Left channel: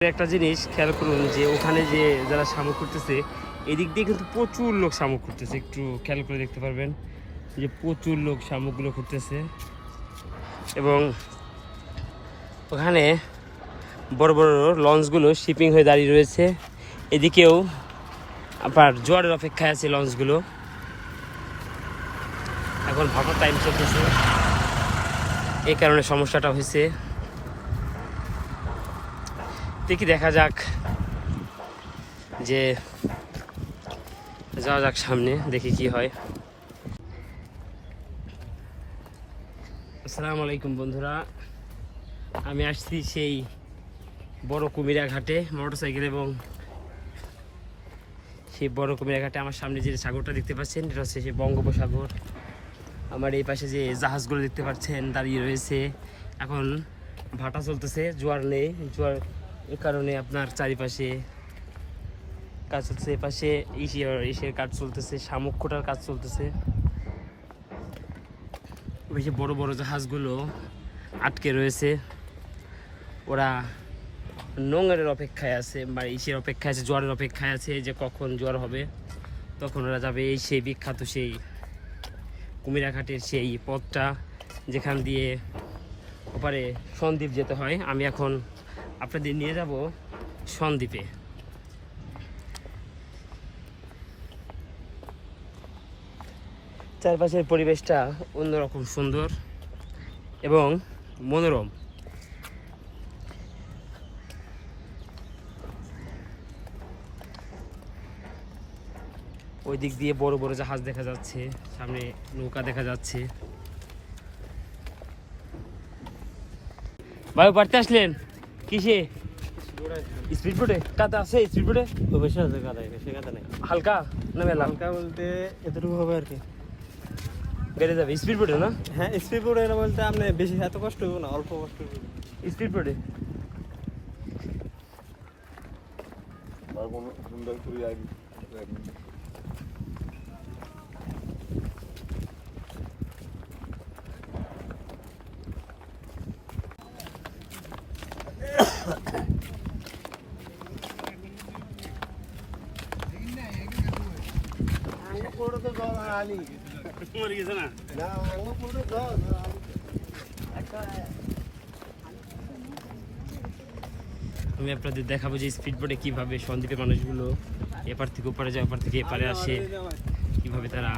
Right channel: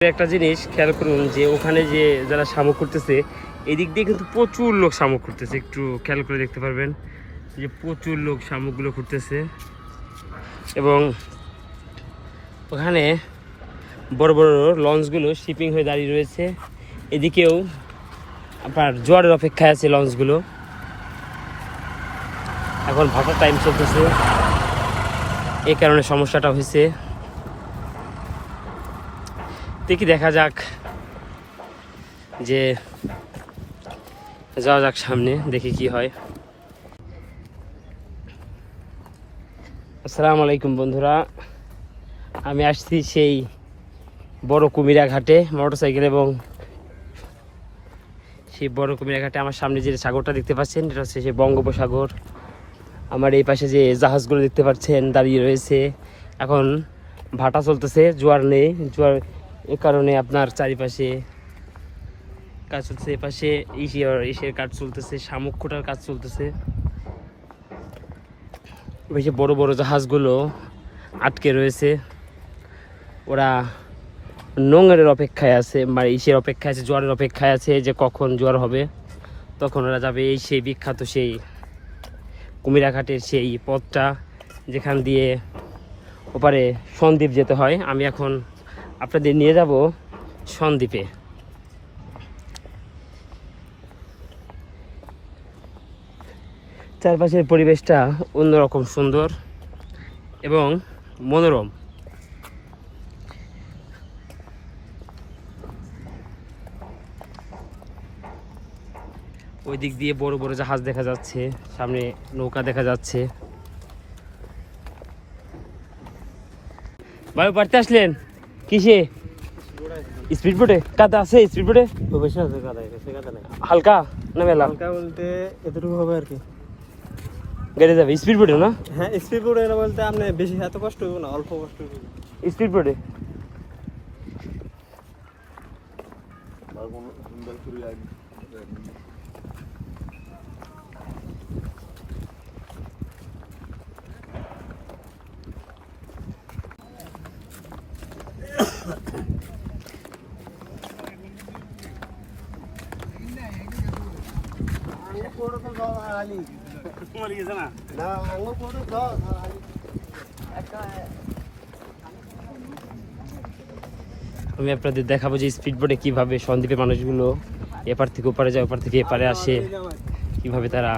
একটা জিনিস খেয়াল করুন যে ওখানে যে যারা শামুক করতেছে এদিক দিয়ে কিন্তু প্রচুর লোক শামুক করতেছে একটু খেয়াল করে দেখতে পারবেন যে প্রচুর লোক শামুকগুলো করতেছে এবং ওখানে বড় বড় লঞ্চগুলো শিপিং হয়ে দাঁড়িয়ে রয়েছে। এদিকেও আপনার জোয়ারের অপেক্ষায় আছে লঞ্চগুলো। এখন ভাটার টাইম চলতেছে। এই কারণে সমস্যাটা হয়েছে। দেখি দেখা যাক যে যাওয়া যাক সামনে, দেখি কি হয়। আসসালামু আলাইকুম বন্ধুরা, আমি আসছি সেই বড় কুমিরা ঘাটে মোটরসাইকেল এবং সেই বড় কুমিরা ঘাটে আমার সামনে যে সাগরটা দেখতে পাচ্ছেন, এটা হচ্ছে সেই বঙ্গোপসাগর। আমার এই পাশে যে জাহাজগুলো দেখতে পাচ্ছেন, দাঁড়িয়ে রয়েছে। এখন ভাটা চলতেছে, জোয়ার নেই, জোয়ার এ কারণে আপনার চারিপাশে কাজ চলছে এপাশে ইসের ইসের কাজ চলতেছে শামুক খোটার কাজ চলতেছে। বেশি বড় বড় জাহাজগুলো আটকে রয়েছে। ওরা নোংরের অপেক্ষায় আছে মানে ইসের অপেক্ষায় আছে, জোয়ারের অপেক্ষায় আছে যে কখন জোয়ার হবে। তখন ওরা যাবে এই সেই বিখ্যাত সেই কুমিরাঘাটের সেই পথটা, যেখান দিয়ে ওপারে সন্দ্বীপ যেতে হয়। আমি এখন আপনাদের নিয়ে যাব সন্দ্বীপে। চারপাশের পরিবেশটা অন্যরকম সুন্দর এবং মনোরম। ওই দিক দিয়ে বড় বড় জাহাজ দেখা যাচ্ছে, সামনে নৌকা দেখা যাচ্ছে। ভাই বাড়িতে আসলেন? কিসে? স্পিড বোটে কাদা আছে স্পিড বোটে বেশি আছে কাদা বেশি কাদা নাই। হালকা? না মেলা হালকা বলতে এতটুকু হবে আর কি। গেড়ে যাবে স্পিড বোটে না? হ্যাঁ স্পিড বোটে বলতে আপনি বেশি এত কষ্ট হবে না অল্প কষ্ট স্পিড বোটে আমি আপনাদের দেখাবো যে স্পিড বোটে কীভাবে সন্দ্বীপের মানুষগুলো এপার থেকে ওপারে যায়, ওপার থেকে এপারে আসে, কীভাবে তারা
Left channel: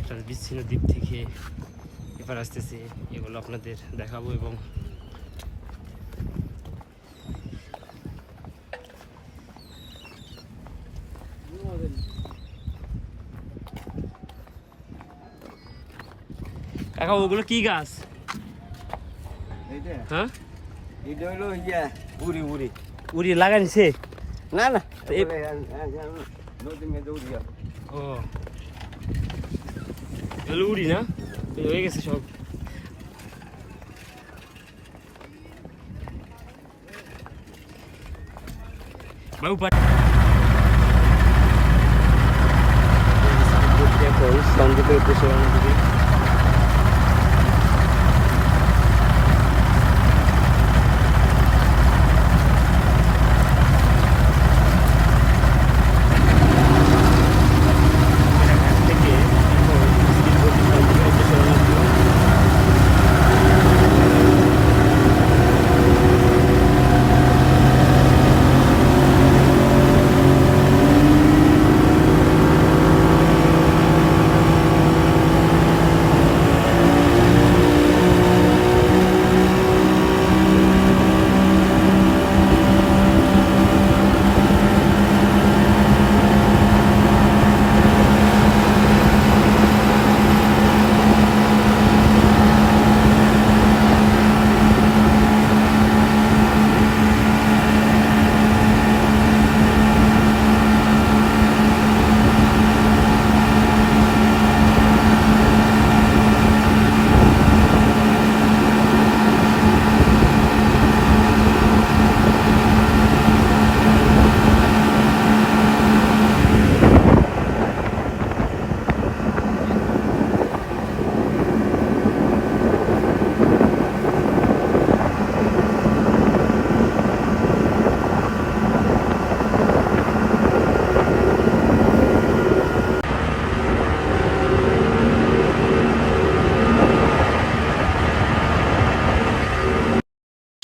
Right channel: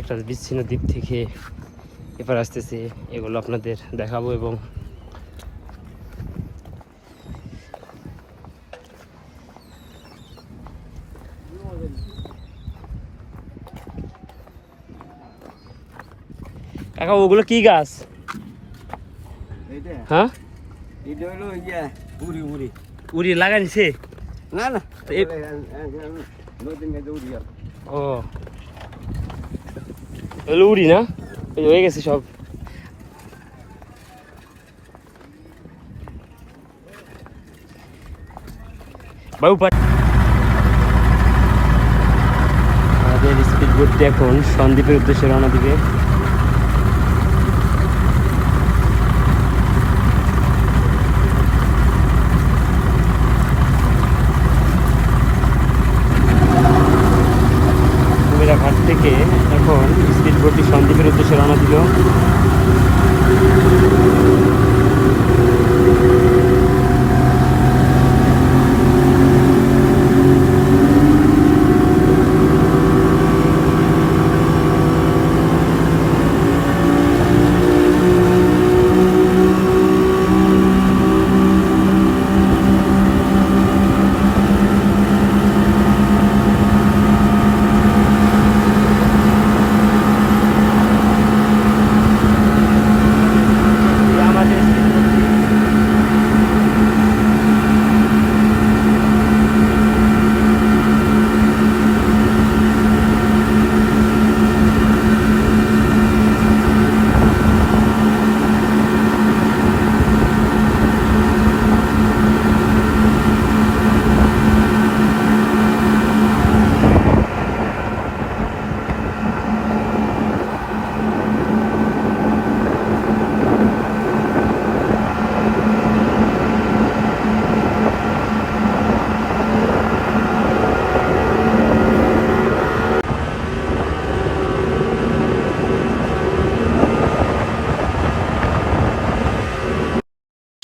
একটা বিচ্ছিন্ন দ্বীপ থেকে এপার আসতেছে, এগুলো আপনাদের দেখাবো এবং কাকা ওগুলো কি গাছ? হ্যাঁ? হলো ইয়া উড়ি উড়ি। উড়ি লাগাইছে না না। ও। এগুলো উড়ি না? এই হয়ে গেছে সব। বাবু পাট এখন সন্দীপের উদ্দেশ্যে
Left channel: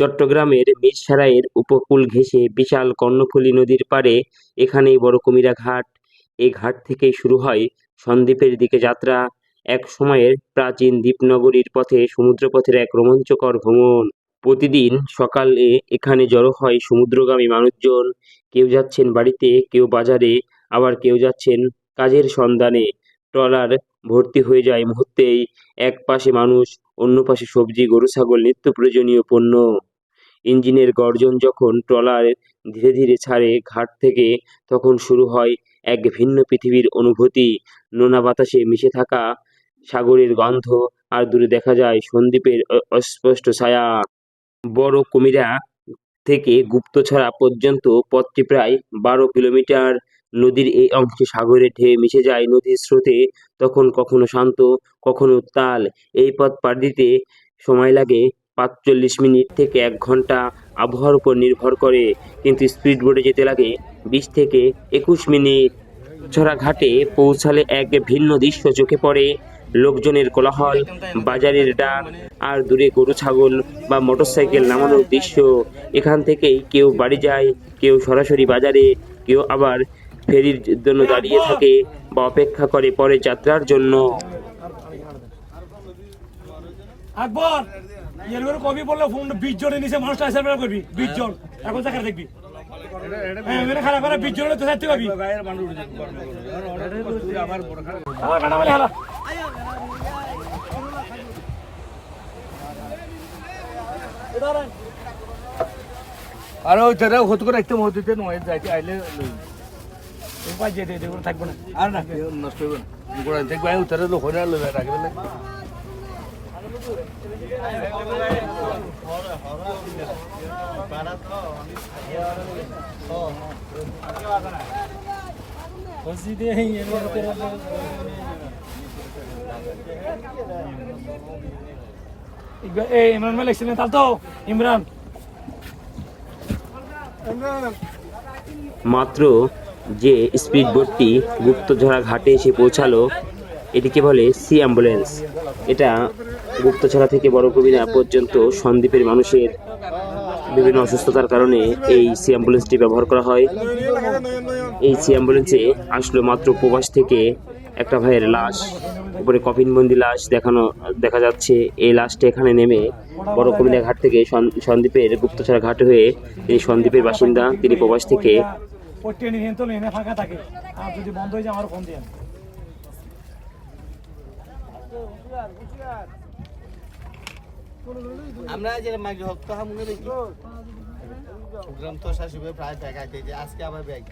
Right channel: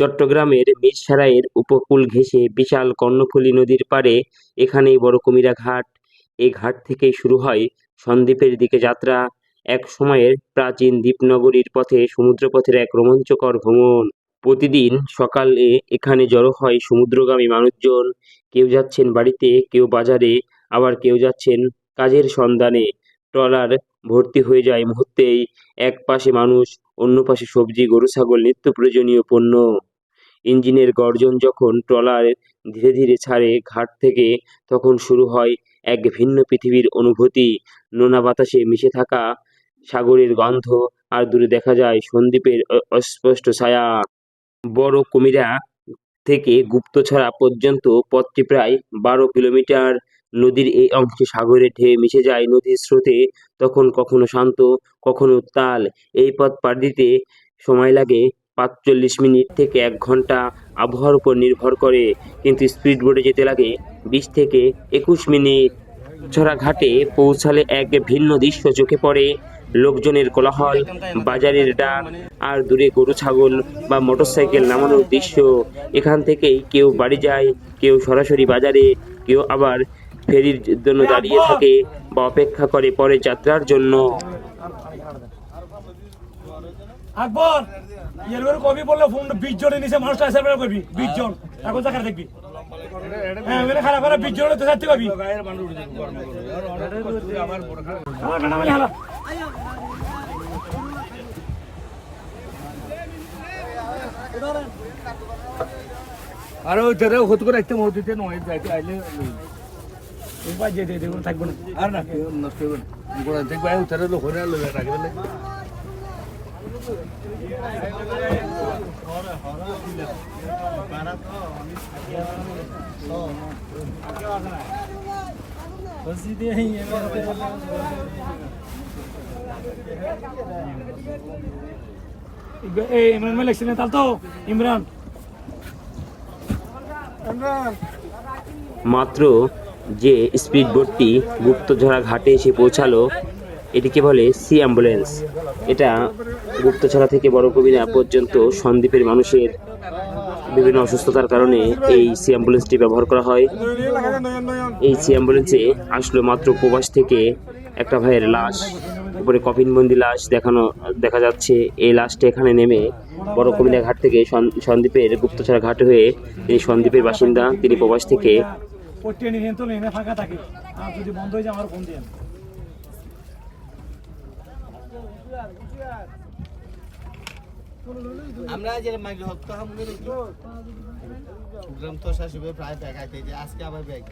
চট্টগ্রামের মিরসরাইয়ের উপকূল ঘেঁষে বিশাল কর্ণফুলী নদীর পাড়ে এখানেই বড় কুমিরা ঘাট। এই ঘাট থেকেই শুরু হয় সন্দ্বীপের দিকে যাত্রা। এক সময়ের প্রাচীন দ্বীপনগরীর পথে সমুদ্রপথের এক রোমাঞ্চকর ভ্রমণ। প্রতিদিন সকালে এখানে জড়ো হয় সমুদ্রগামী মানুষজন। কেউ যাচ্ছেন বাড়িতে, কেউ বাজারে, আবার কেউ যাচ্ছেন কাজের সন্ধানে। ট্রলার ভর্তি হয়ে যায় মুহূর্তেই। এক পাশে মানুষ, অন্য পাশে সবজি, গরু, ছাগল, নিত্য প্রয়োজনীয় পণ্য। ইঞ্জিনের গর্জন যখন ট্রলার ধীরে ধীরে ছাড়ে ঘাট থেকে, তখন শুরু হয় এক ভিন্ন পৃথিবীর অনুভূতি। নোনা বাতাসে মিশে থাকা সাগরের গন্ধ, আর দূরে দেখা যায় সন্দ্বীপের অ- অস্পষ্ট ছায়া। বড় কুমিরা থেকে গুপ্তছড়া পর্যন্ত পথটি প্রায় বারো কিলোমিটার। নদীর এই অংশে সাগরের ঢেউ মিশে যায় নদীর স্রোতে, তখন কখনো শান্ত, কখনো উত্তাল। এই পথ পার দিতে সময় লাগে। পাঁচচল্লিশ মিনিট থেকে এক ঘণ্টা আবহাওয়ার উপর নির্ভর করে, কিন্তু স্পিড বোটে যেতে লাগে বিশ থেকে একুশ মিনিট। ছড়া ঘাটে পৌঁছালে এক ভিন্ন দৃশ্য চোখে পড়ে। লোকজনের কোলাহল, বাজারের ডাক আর দূরে গরু, ছাগল বা মোটরসাইকেল নামানোর দৃশ্য। এখান থেকেই কেউ বাড়ি যায়, কেউ সরাসরি বাজারে, কেউ আবার ফেরির জন্য দাঁড়িয়ে থাকে বা অপেক্ষা করে পরে যাত্রার জন্য। আকবর ইয়ের করে কবি বলল ফোন বিশ জনের নিচে মানুষটা এসে বেড়া করবি। বিশ জন। এখন দেখা দেখবি। হ্যাঁ, খারাপ খারাপ বিশ জনের তো থাকতে পারবি। আরে ওই যেটা করে একটা মসজিদে নয় যাইতে আইলে থাকব না। আর না নষ্ট হবে না। গোড়া দেখবে উতারে লোক হয়ে লই ইমরান ভাই লিখছিলেন, তাহলে তো, ইমরান। মাত্র যে স্পিড বোটটি গুপ্তঝরা ঘাটে এসে পৌঁছালো, এটিকে বলে সি অ্যাম্বুলেন্স। এটা গুপ্তছড়া থেকে বড় কবিরা পর্যন্ত সন্দ্বীপের মানুষের বিভিন্ন অসুস্থতার কারণে এই সি অ্যাম্বুলেন্সটি ব্যবহার করা হয়। এই সি অ্যাম্বুলেন্সে আসলো মাত্র প্রবাস থেকে একটা ভাইয়ের লাশ, উপরে কফিনবন্দি লাশ দেখানো, দেখা যাচ্ছে। এই লাশটি এখানে নেমে বড় কবিরা ঘাট থেকে সন- সন্দ্বীপের গুপ্তছড়া ঘাট হয়ে তিনি সন্দ্বীপের বাসিন্দা, তিনি প্রবাস থেকে বন্ধ হয়ে যায় আমার ফোন আমরা যে মাইগ্রে হত্যা হাম দেখি। গ্রাম তো শাশুবে প্রায় ব্যাগ আইতে যে আজকে আবার ব্যাগ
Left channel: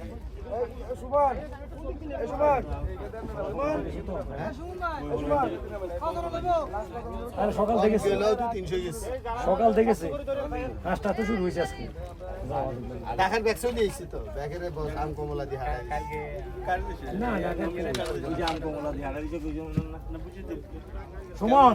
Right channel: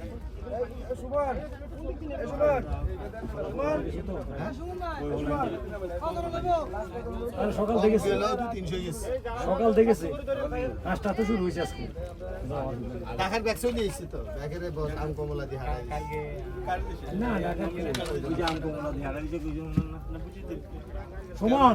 আরে সকাল তিনশো গেছে। সকাল দেখেছে কাজটা তো শুরু হয়েছে আজকে। টাকার ব্যাগ চলে এসেছি তো। ব্যাগের আম কমলা দিয়ে হারাই না না সুমন!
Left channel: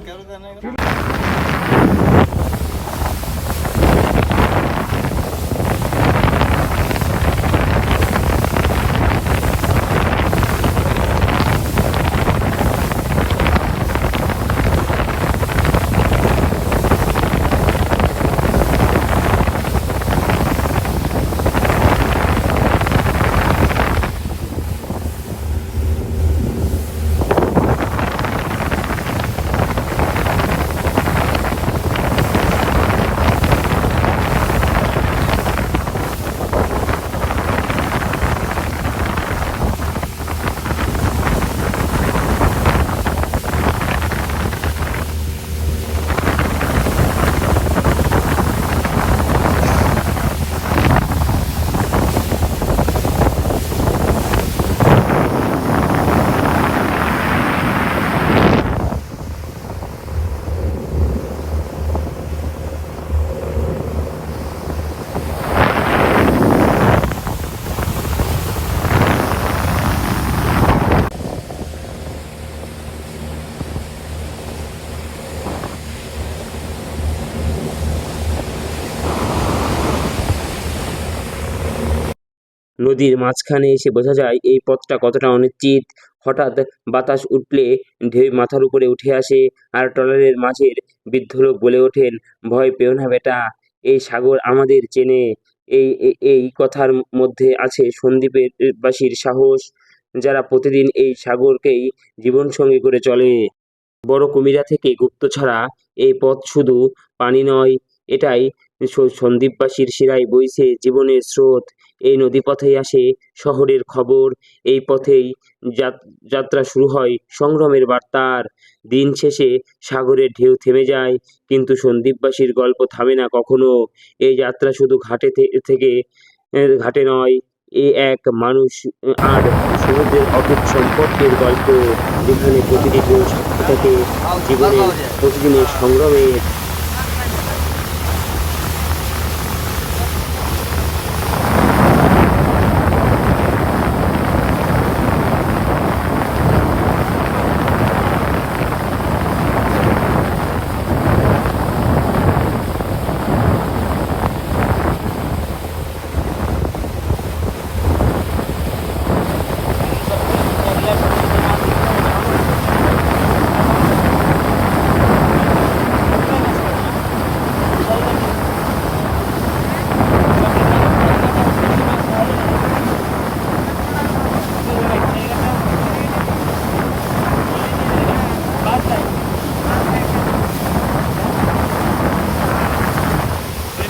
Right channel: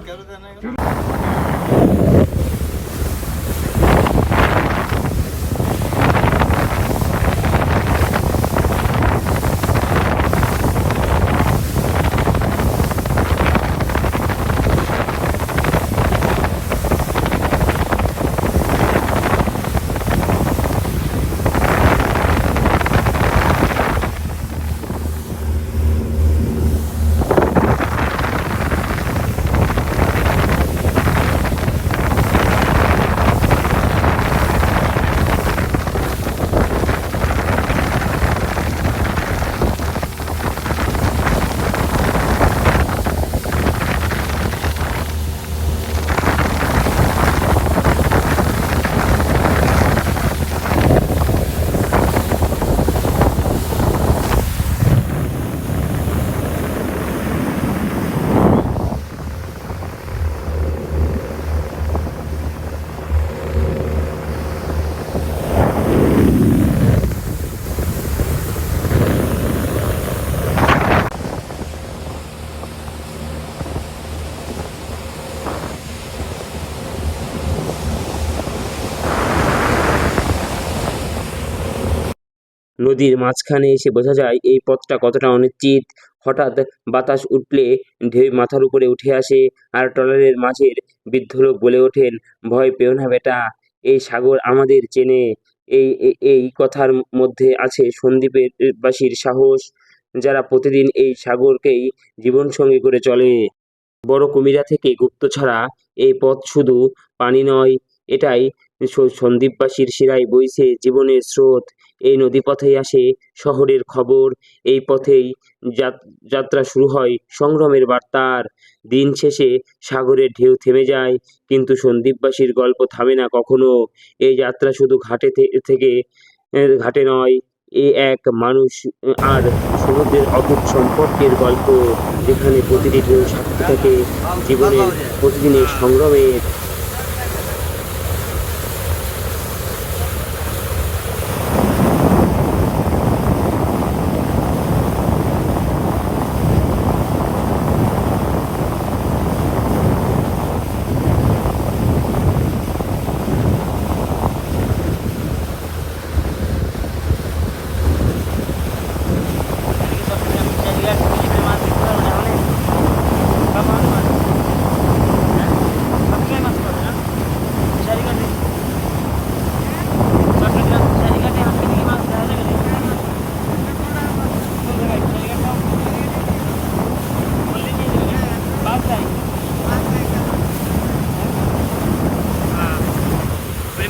নদীর মাঝখানে এসে বোঝা যায় এই পথটা কতটা অনিশ্চিত। হঠাৎ বাতাস উঠলে ঢেউ মাথার উপরে উঠে আসে আর ট্রলারের মাঝের বৃদ্ধ লোক বলে ওঠেন, ভয় পেও না বেটা, এই সাগর আমাদের চেনে। এই এই- কথার মধ্যে আছে সন্দ্বীপের বাসীর সাহস, যারা প্রতিদিন এই সাগরকেই জীবনসঙ্গী করে চলে। বড় কুমিরা থেকে গুপ্ত ছাড়া এই পথ শুধু পানি নয়, এটাই সন্দ্বীপবাসীর শিরায় বইছে জীবনের স্রোত। এই নদীপথেই আসে শহরের খবর। এই পথেই যাত- যাত্রা শুরু হয় সংগ্রামের বার্তার। দিন শেষে সাগরের ঢেউ থেমে যায়, কিন্তু সন্দ্বীপবাসীর গল্প থামে না কখনো। এই যাত্রা শুধু ঘাটে থেকে ঘাটে নয়, এ এক মানুষ আর সমুদ্রের অটুট সম্পর্কের গল্প, যেখানে প্রতিটি ঢেউ সাক্ষী থাকে জীবনের প্রতিদিনের সংগ্রামের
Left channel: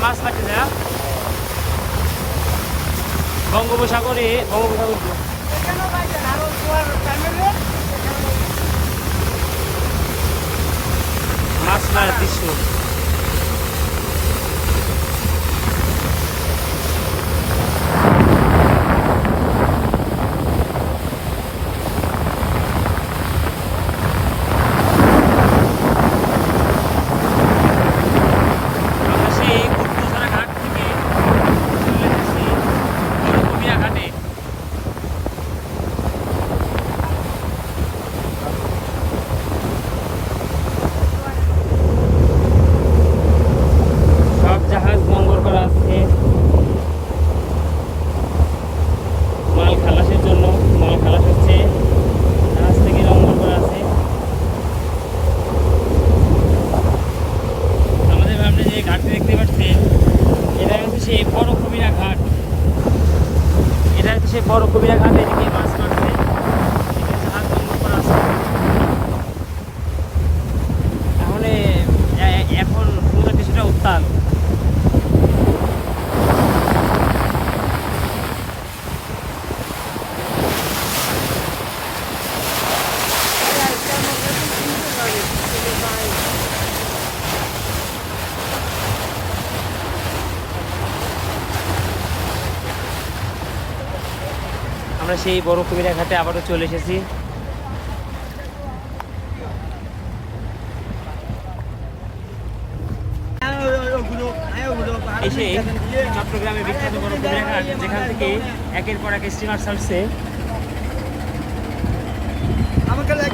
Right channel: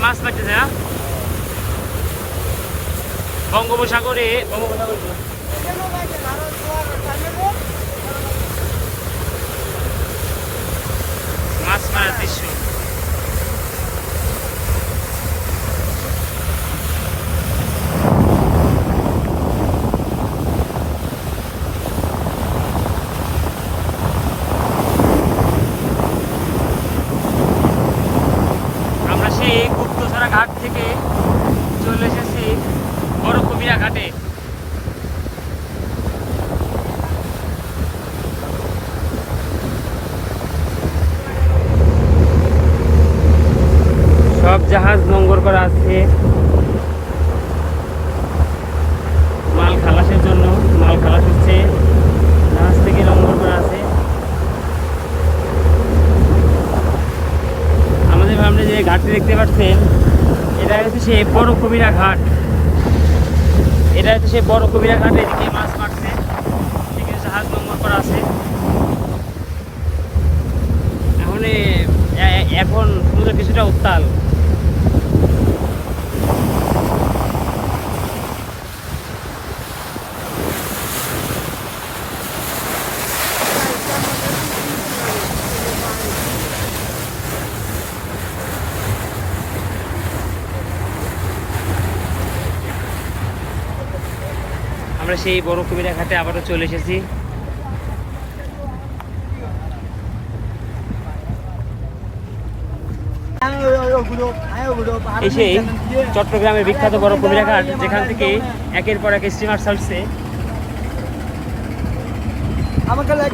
মাছ পাচ্ছে না বঙ্গোপসাগরে মাছ মারার দৃশ্য আমরা সেই গুপ্তছড়া ঘাট থেকে চলে এসেছি বড় কবিরা ঘাটে সব জাহাজ নোঙ্গর করা আছে মাল খালাসের জন্য মাল খালাস হচ্ছে জাহাজ থেকে নোঙ্গর করা আছে আমাদের সামনে যে ঘাটটি দেখতে পাচ্ছেন, এটা হচ্ছে সেই বড় কবিরা ঘাট। এটা হচ্ছে সেই বড় কবিরা ঘাটে, এদিকে মাছ মারছে হাত নম্বর করা আছে। এখন এখন সমুদ্র কিছুটা উত্তাল। আমরা সেই বড় কুমিরা ঘাটে আবারও চলে এসেছি। এই সেই চট্টগ্রামের বিখ্যাত বড় কুমিরা ঘাট যেখান থেকে একের পর এক স্টিমার ছাড়ছে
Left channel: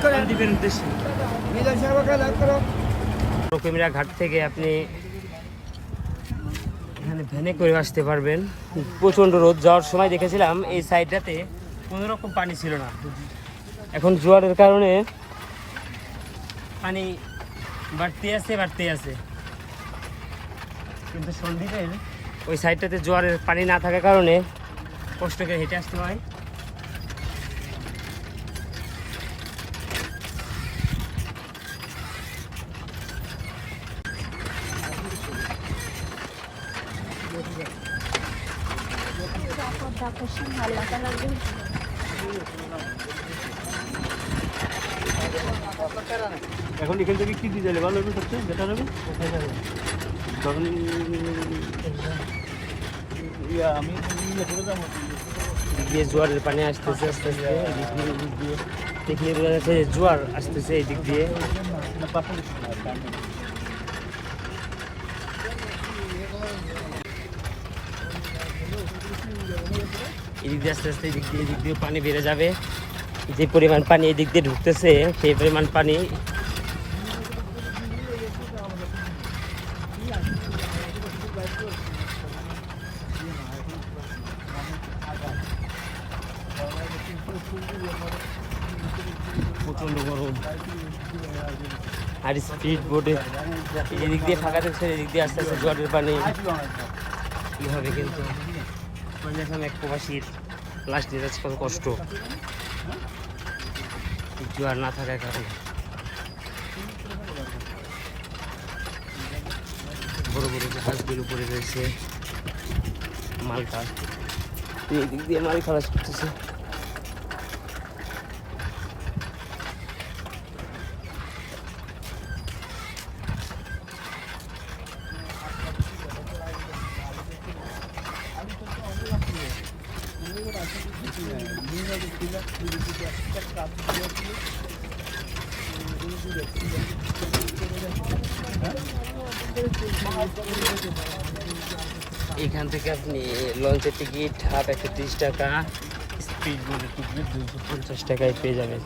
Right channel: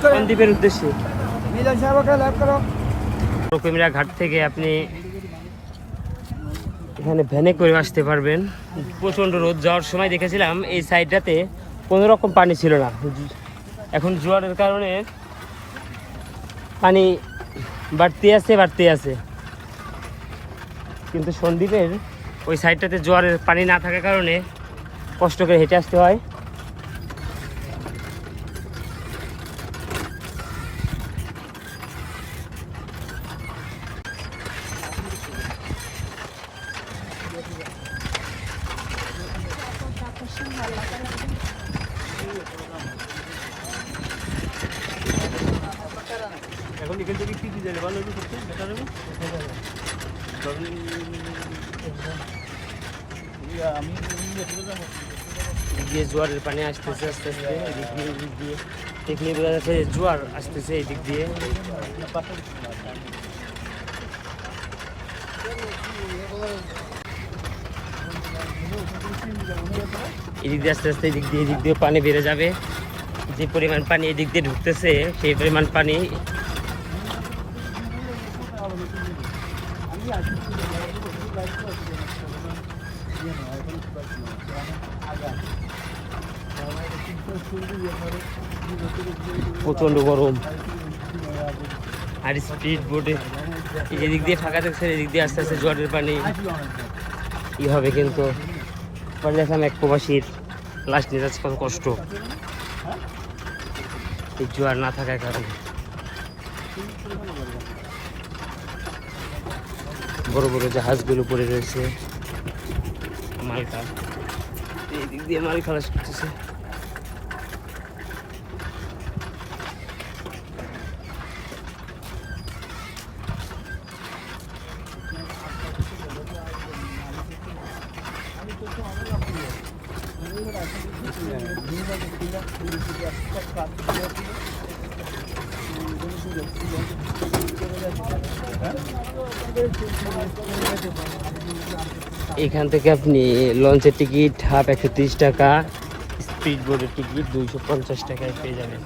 করো। দ্বীপের উদ্দেশ্যে। কুমিরা ঘাট থেকে আপনি এখানে ভ্যানে করে আসতে পারবেন। প্রচণ্ড রোদ যাওয়ার সময় দেখেছিলাম এই সাইডটাতে কোনো রকম পানি ছিল না। এখন জোয়ারের কারণে পানি বাড়তে আছে বাড়তে আছে। কিন্তু সন্দীপের ওই সাইডটাতে জোয়ারের পানি না থাকার কারণে কষ্ট করে হেঁটে আসতে হয় এখন এখান থেকে কি কোথায় যাবে? দিয়ে জোয়ারের পানি আসতেছে আস্তে আস্তে। এদিক দিয়ে এদিক দিয়ে দেখলে বোঝা যাচ্ছে যে জোয়ার আসতেছে এই দিক দিয়ে। এদিক দিয়ে আস্তে আস্তে এদিক দিয়ে এদিক দিয়ে পানি বেড়ে যাবে। যে পরিমাণ পানি এদিক দিয়ে ঢুকতেছে সেই পরিমাণ পানি প্রচণ্ড গরম। আর স্পিড বোটে এদিক দিয়ে ফাঁকা দেখছেন এদিক দিয়ে আস্তে আস্তে জলের পানি। ই হবে কিন্তু? দেখলাম এক প্রবাসীর লাশ নিয়ে যাচ্ছে, কত কষ্ট। জোয়ার না থাকার কারণে। বড় বড় জাহাজগুলো পড়ে রয়েছে, মালটা। এদিক দিয়ে মাল খালাস করতেছে। এখান থেকে আপনি লঞ্চের টিকিট হাফ একশো তিরিশ টাকা স্পিড বোর্ডের টিকিট দুশো পঞ্চাশ টাকায় পেয়ে যাবেন।